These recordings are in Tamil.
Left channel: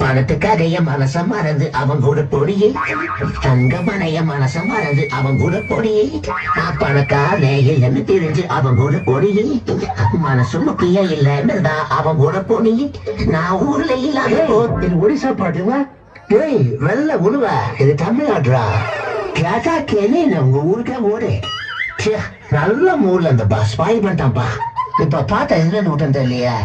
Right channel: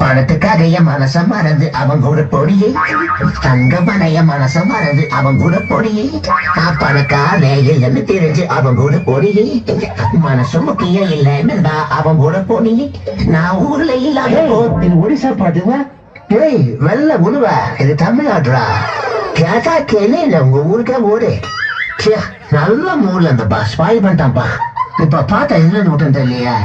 பணத்துக்காக என் மனச மறந்து அவன் கூட பொடியை தங்கமனைய மனச மறந்து அவன் கூட பொடியை நான் பணக்கார இல்லைன்னு தெரிஞ்சு அவன் கூட பொடியை மனசு முக்கியம் இல்லைன்னு அவன் கூட பொடியை நான் ஊர்ல இல்லாத ஒடிசா பாட்டுங்க ஏய் வெள்ள உழுவ இது தமிழ்நாடுடா கேட்டா கேளு உங்க ஊருக்கே ஓடு நல்ல மூர்ல அந்த பஸ் பாய் பண்ணிட்டான்ப்பா இப்ப பார்த்தா என்ன விட்டம் தெரியலையா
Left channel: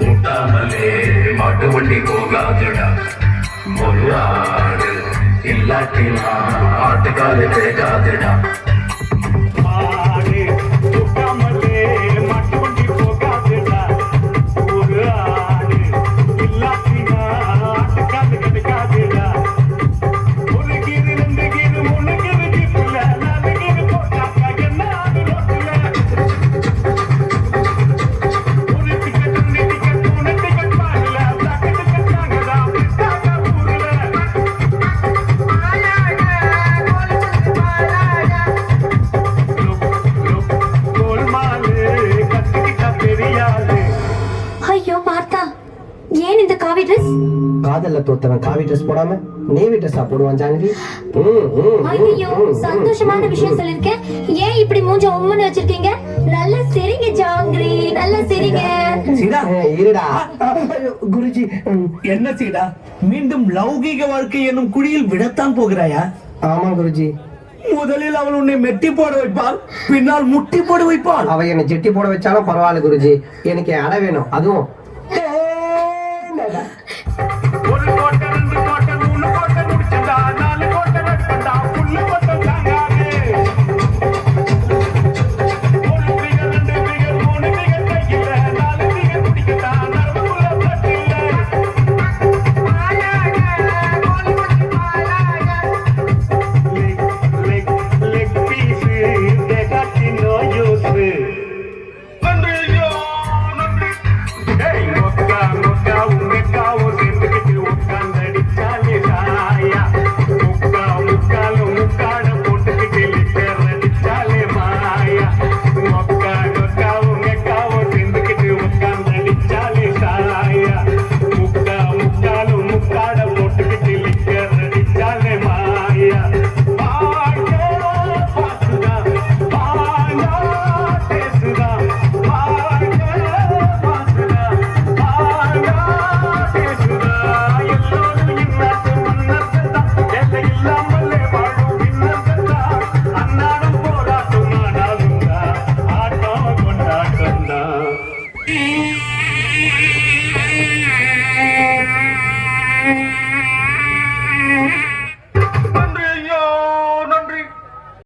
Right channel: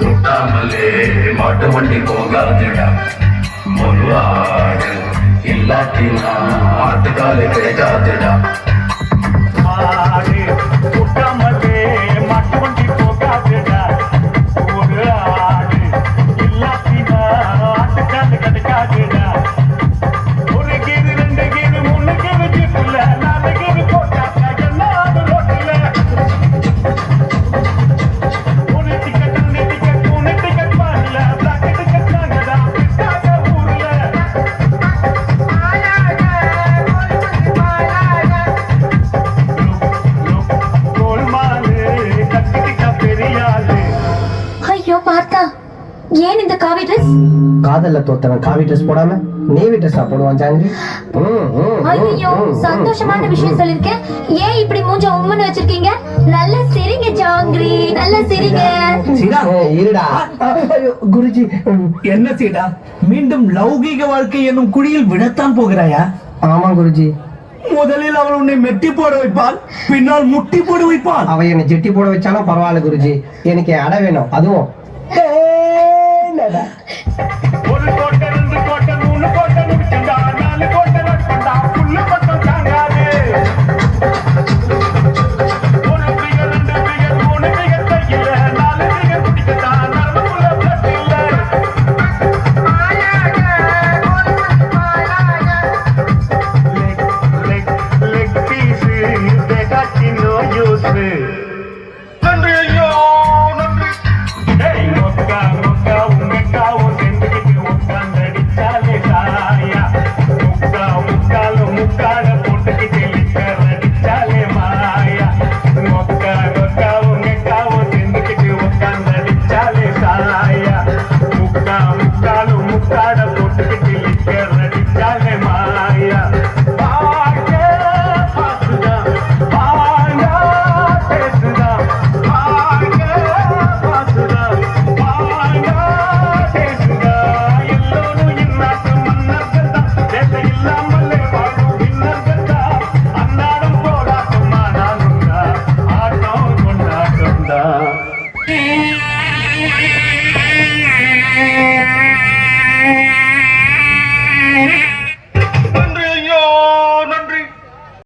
கூட்டாமலே மாட்டு வண்டி போகாதுடா முன்னாடு இல்லாட்டினா ஆட்டுக்காலே வேகாதுடா கூட்டாமலே மாட்டு வண்டி போகாதுடா ஒரு ஆடு இல்லாட்டினா ஆட்டுக்காலே கிடைக்காதுடா ஒரு கீரு ரெண்டு கீரு மூணு கீரு ஜிப்புல நாலு கீரு போட்டாக்கா என்ன ஆடு ரோட்டுல ஏன் இந்த காவி ட்ரெஸ்? காதல்ல தோத்தவன் காவி ட்ரெஸ் போடாம நேவி ட்ரெஸ் போடுவான் ஜாங்கிரி. ஐயோ சந்தோஷமான விஷயம் சொல்லிருக்கேன். ஏன் இப்படி மூஞ்ச உம்முன்னு வச்சிருக்கீங்க? நல்ல சிரிங்க ஜாங்கிரி, நல்ல சிரிங்க. சீடா இருடா குருஜி, என்ன சீடா மீண்டும் லௌகீக வாழ்க்கை என்னும் குழியில் விடத்தான் போகிறாயா? ஆமா குருஜி. முதலில் அவள் உன்னை மெட்டி போட வைப்பாள், பின்னால் முட்டி போட வைப்பாள். அவ என்னை ஜெட்டி போட வச்சாலும் பரவாயில்ல குருஜி, எனக்கு அடை வேணும். அதுவும்